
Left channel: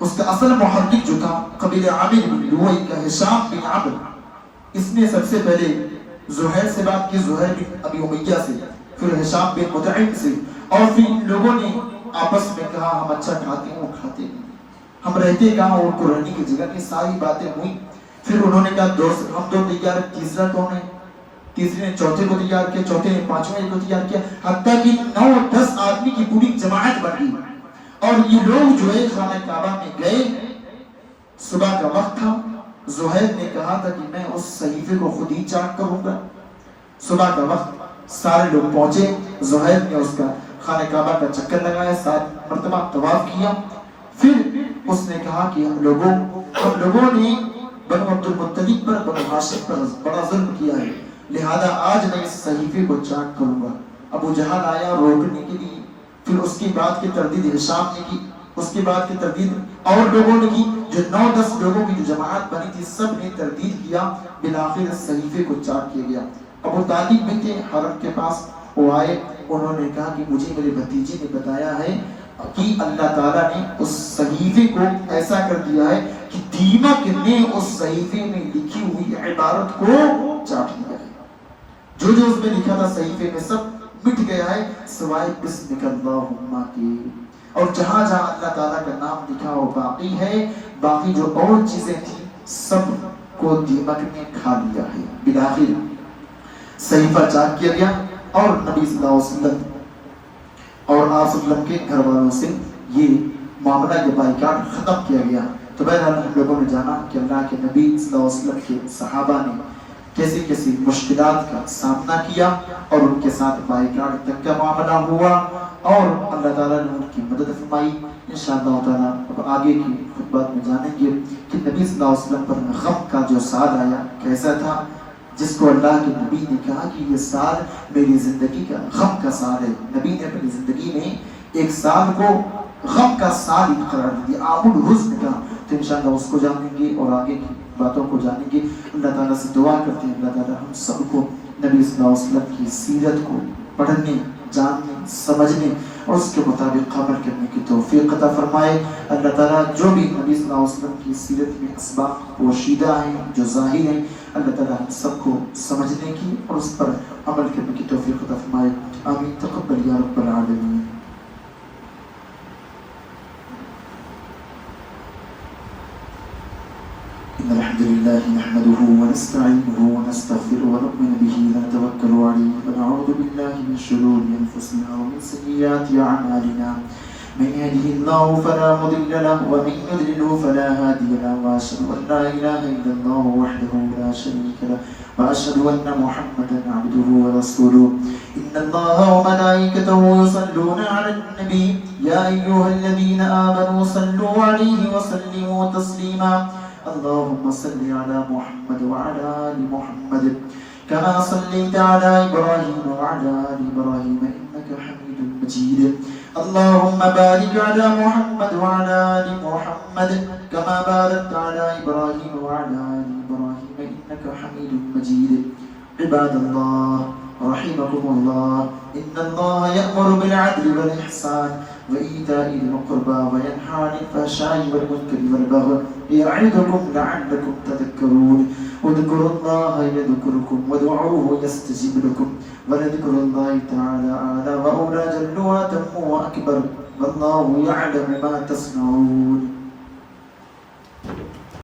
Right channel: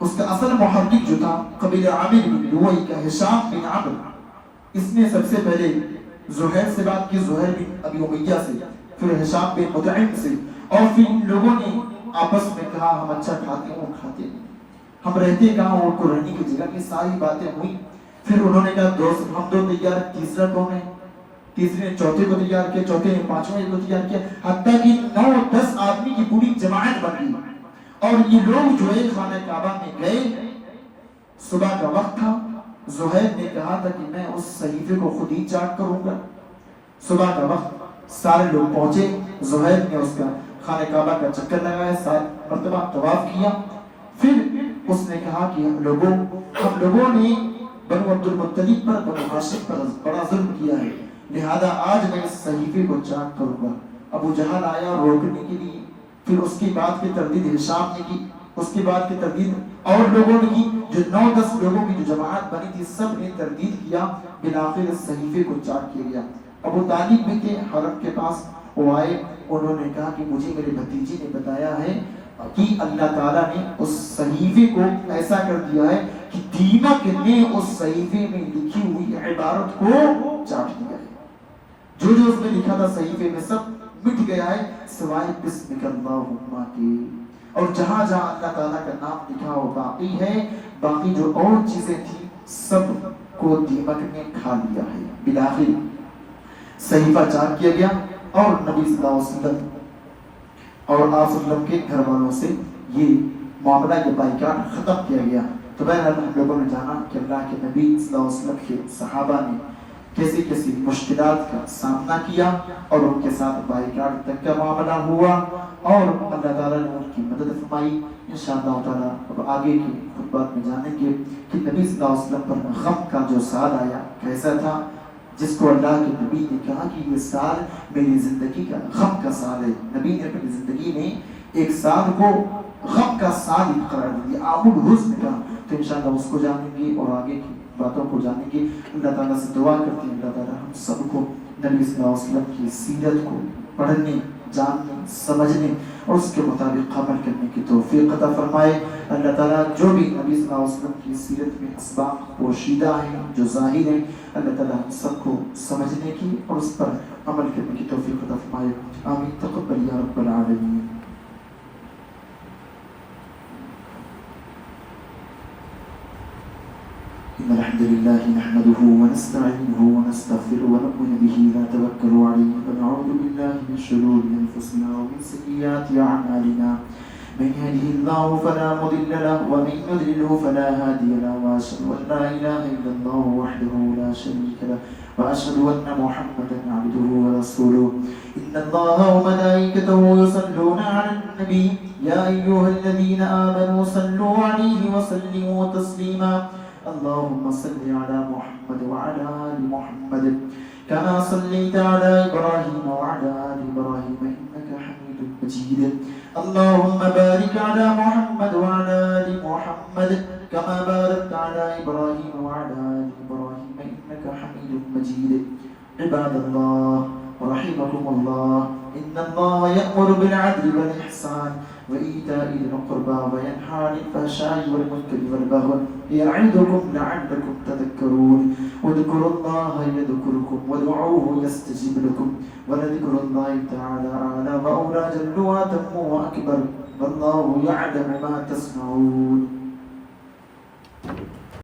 اس کا اصل محرک جو تھا قبیلہ عامر بن لوئی کا ہشام بن عمرو, اس نے سب سے پہلے زہیر سے بات کی, زہیر بن ابی امیہ سے, پھر ہشام بن مطعم سے, اور پھر ان لوگوں نے آپس میں کہا ہم اچھا کھاتے ہیں وہ کھاتے ہیں, ہم رہتے کہاں, ان کو رہنے کی جگہ کی ساری باتیں ہوئی. پھر انہوں نے کہا ہم دو تیار, تیسرا کون ہے؟ تیسرے نے چوتھے کو تیار کیا, چوتھے نے پانچویں کو تیار کیا, حتیٰ کہ 9-10 آدمی کی پوری جماعت بن گئی. اور یہ لوگ جو ہے خانہ کعبہ میں گئے. صبح کا وقت تھا, زہیر نے کہا تھا کہ میں اس صحیفے کو خود ہی چاک کروں گا. صبح کا وقت سارے لوگ پہنچے, زہیر نے اس کا خانہ کعبہ کا چکر لگایا, 7 مرتبہ طواف کیا. پھر اس نے کہا کہ ہم لوگوں نے بنو عبد المطلب پر, بنو ہاشم پر بڑا ظلم کیا ہے, لہذا آج میں اس صحیفے کو چاک کروں گا. ابو جہل آیا روکنے کے لیے, پھر اس کی بات کی تردید ہشام نے کی, اس کی بات کی تردید اور لوگوں نے کی, جو 9-10 لوگوں کی جو جماعت بنی تھی سب نے تردید کیا. بالآخر اس صحیفے کو چاک کیا گیا. ابو طالب بھی تھے حرم کے پاس, وہ آئے, انہوں نے کہا کہ مجھے میرے بھتیجے نے بتایا ہے کہ اللہ تعالیٰ نے اس صحیفے کو ایسا کر دیا ہے کہ دیمک نے اس صحیفے میں لکھی ہوئی عبارت کو چاٹ لیا ہے. جو اس میں لکھا تھا صحیفے میں سب مٹ گیا ہے سوائے بسمک اللہم کے, اور جہاں اللہ تعالیٰ کا نام لکھا وہ باقی ہے, باقی جو اور چیزیں تھیں سب کو دیمک نے کھا لیا ہے. بالآخر صحیفہ چاک کیا گیا اور نبی صلی اللہ علیہ وسلم اور آپ صلی اللہ علیہ وسلم کے گھر والوں سے یہ معاملہ, یہ بائیکاٹ ختم کیا گیا. تو بہرحال ہم لوگوں نے جانا کہ اللہ کے نبی صلی اللہ علیہ وسلم کے صحابہ نے کیسی مشکلات کا سامنا کیا اور ان کے ساتھ بائیکاٹ تک کا معاملہ ہوا, اور اللہ تعالیٰ نے ان کی مدد فرمائی. انشاءاللہ تعالیٰ اب آگے کی خطبات میں جانیں گے کہ نبی صلی اللہ علیہ وسلم پر غم کا جو سال آیا کیسا تھا, جس کو اللہ کے نبی نے کہا کہ یہ سال میری زندگی کا غم کا سال ہے. نبی نے اپنی زندگی میں ایک سال کو غم کا سال قرار دیا, عام الحزن کا. تو انشاءاللہ اس کو جانیں گے اور آگے کی باتوں کو جانیں گے. اللہ تعالیٰ سے دعا کرتے ہیں اللہ تعالیٰ ہم سب کو نبی صلی اللہ علیہ وسلم کی سیرت کو پڑھنے, جاننے, سمجھنے اور اس کے مطابق عمل کرنے کی توفیق عطا فرمائے. اللہ تعالیٰ جو بھی نبی صلی اللہ علیہ وسلم کی سیرت میں اسباق پوشیدہ ہیں, جو ظاہر ہیں, اللہ تعالیٰ ہم سب کو سمجھنے کی اور اس پر عمل کرنے کی توفیق عطا فرمائے. آمین. تقبل یا رب العالمین. الحمد لله نحمده ونستعينه ونستغفره ونؤمن به ونتوكل عليه ونعوذ بالله من شرور انفسنا ومن سيئات اعمالنا. من يهده الله فلا مضل له ومن يضلله فلا هادي له, واشهد ان لا اله الا الله وحده لا شريك له, واشهد ان محمدا عبده ورسوله. ان الله وملائكته يصلون على النبي يا ايها الذين امنوا صلوا عليه وسلموا تسليما. اللهم صل على محمد وعلى آل محمد كما صليت على إبراهيم وعلى آل إبراهيم إنك حميد مجيد. اللهم بارك على محمد وعلى آل محمد كما باركت على إبراهيم وعلى آل إبراهيم إنك حميد مجيد. عباد الله رحمكم الله، إن الله يأمر بالعدل والإحسان وإيتاء ذي القربى وينهى عن الفحشاء والمنكر والبغي يعظكم لعلكم تذكرون. اذكروا الله يذكركم وادعوه يستجب لكم ولذكر الله تعالى أعلى وأولى جل وأتم وأكبر والله يعلم ما تصنعون.